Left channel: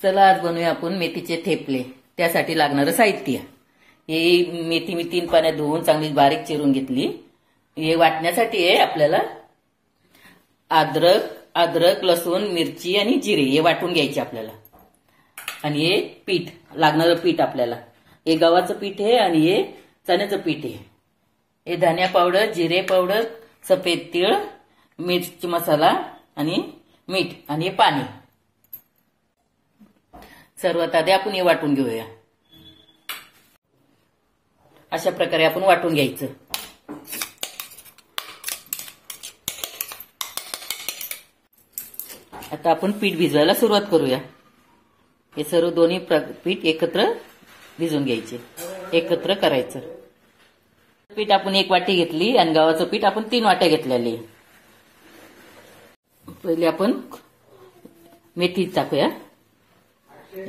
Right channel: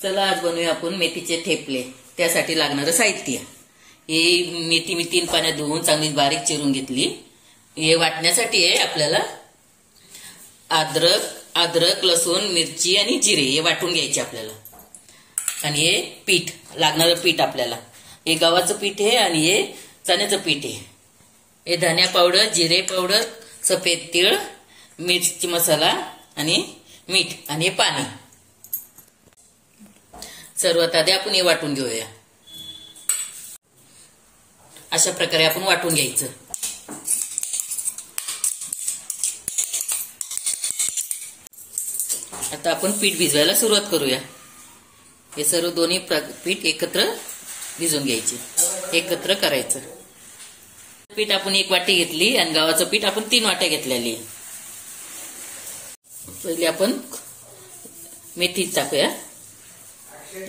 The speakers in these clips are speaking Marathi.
चला आज बनवूया आपण मेथीचे ठेपले। त्यासाठी लागणारं साहित्य हे मेथी मी 3 पाण्यात धुवून चांगली बारीक चिरून घेतली। हे वाटण्यासाठी आहे आपल्याला अद्रक लसूण मिरची आणि जिरे हे वाटून घ्यायचे आपल्याला। आणि हे पीठ लागणारं पीठ आपल्याला हे गव्हाचं पीठ आहे आणि हे चण्याचं पीठ आहे। हे धनिया पावडर जिरे पावडर सफेद तीळ मिरची मसाला आणि मीठ आणि हे पाणी। सर्वात आधी आपण हे वाटून घेऊया। अशा प्रकारे आपण वाटून घ्यायचं। आता आपण पीठ भिजवायला सुरुवात करूया। हे सर्व दोन्ही पीठ एकत्र भिजवून घ्यायचे, एकत्र करायचं। पीठ आपण 1 वाटी घेतली आणि गव्हाचं पीठ आपण 3 वाट्या घेतलेली। पहिले आपण मेथी टाकूया,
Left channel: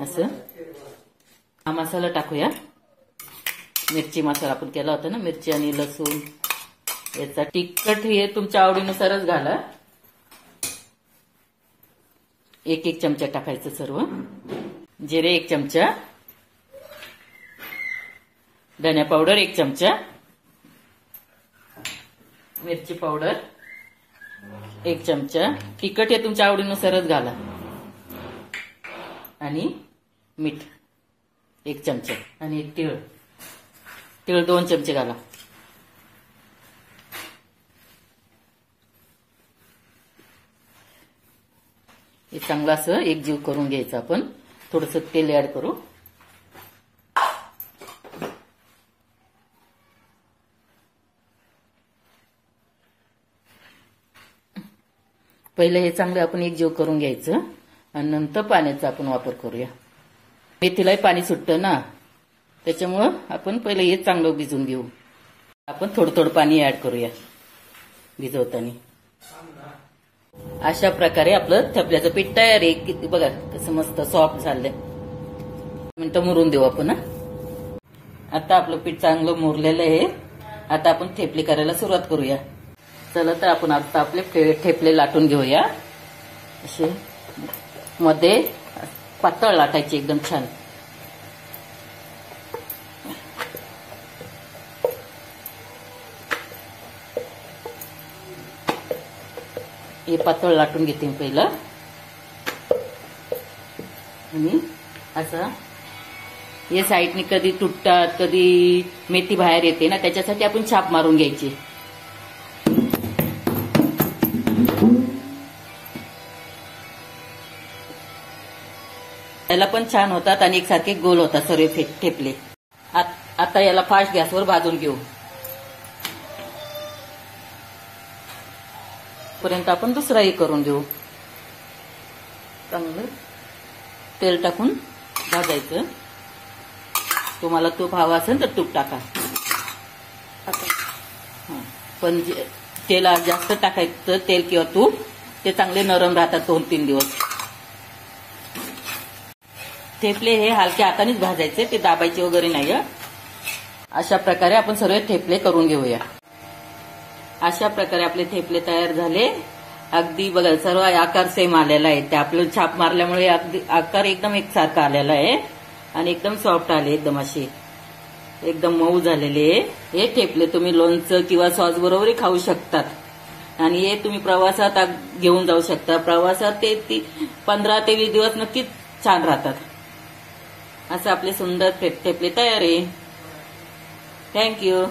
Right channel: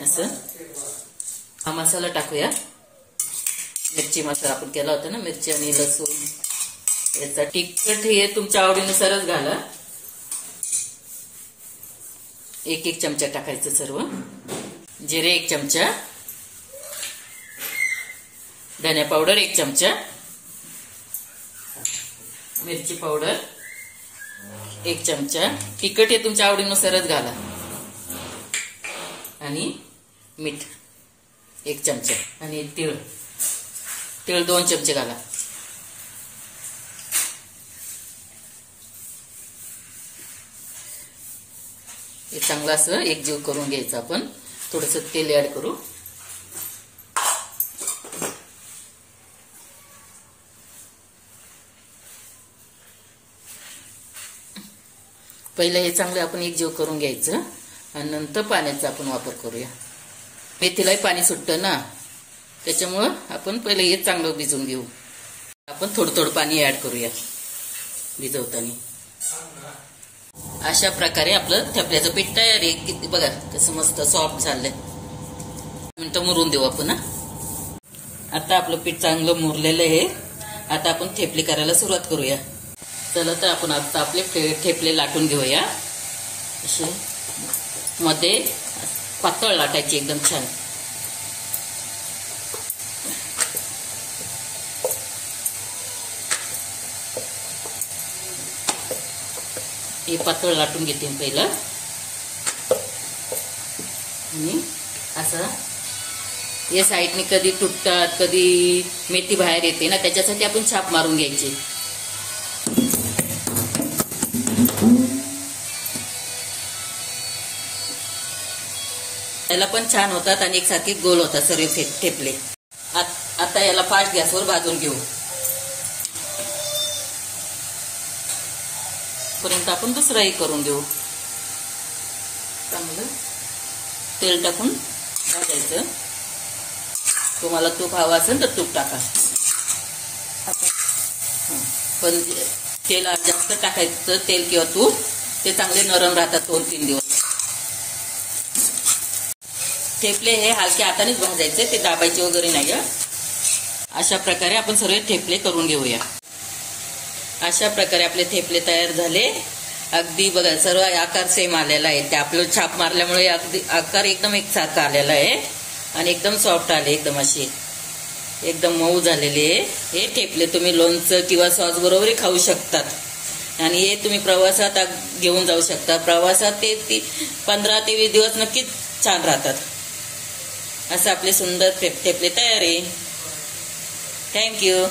असं हा मसाला टाकूया। मिरची मसाला आपण केला होता ना, मिरची आणि लसूण याचा तिखट हे तुमच्या आवडीनुसारच घाला। 1 चमचा टाकायचं सर्व। जिरे 1 चमचा, धनिया पावडर 1 चमचा, मिरची पावडर 1 चमचा, तिखट हे तुमच्या आवडीनुसारच घाला। आणि मीठ 1 चमचा आणि तीळ 2 चमचे घाला। हे चांगलं असं एकजीव करून घ्यायचं। आपण थोडंसं तेल ऍड करू। पहिले हे चांगलं आपण एकजीव करून घ्यायचं आणि नंतर पाण्याचा आपण वापर करूया। मेथीलाही पाणी सुटतं ना, त्याच्यामुळं आपण पहिले हे चांगलं भिजवून घेऊ। आपण थोडं पाणी ऍड करूया भिजवताना। अशा प्रकारे आपलं ठेपल्याचं पीठ तयार आहे। किती बघा कसं मस्त सॉफ्ट झालंय। मिनिटं मुरून देऊ आपण। आता आपलं पीठ चांगलं मुरलेलं आहे। आता आपण ठेपले करायला सुरुवात करूया। चला तर आपण आता आपले ठेपले लाटून घेऊया। असे मध्ये पातळ लाटायचे एकदम छान। हे पातळ लाटून घेते पहिला आणि असं हे साईडने कधी तुटतात कधी मेथी बाहेर येते ना, त्याच्यासाठी आपण छाप मारून घ्यायची। याला पण छान होतात आणि एकसारखे गोल होतात सर्व ठेपले। आता याला फास्ट गॅसवर भाजून घेऊ। पर्यंत आपण दुसराही करून घेऊ। चांगलं तेल टाकून भाजायचं। तुम्हाला तूप हवं असेल तर तूप टाका। पण तेल जास्त टाकायचं, तेल किंवा तूप, ते चांगले नरम राहतात 2-3 दिवस। ठेपले हे हलक्या हातानेच भाजायचे, ते दाबायचे वगैरे नाही। अशा प्रकारे आपण सर्व ठेपले करून घेऊया। अशा प्रकारे आपले ठेपले तयार झाले। अगदी बघा सर्व आकार सेम आलेला आहे। ते आपलं छाप मारल्यामुळे अगदी आकार एकदम एकसारखा आलेला आहे आणि एकदम सॉफ्ट आले, एकदम असे एकदम मऊ झालेले। हे ठेपले तुम्ही लोणचं किंवा सॉस बरोबरही खाऊ शकतात आणि हे तुम्ही प्रवासात घेऊन जाऊ शकता। प्रवासात ते 15 ते 20 दिवस नक्कीच छान राहतात। असं आपले सुंदर ठेपले तयार आहे। थँक्यू।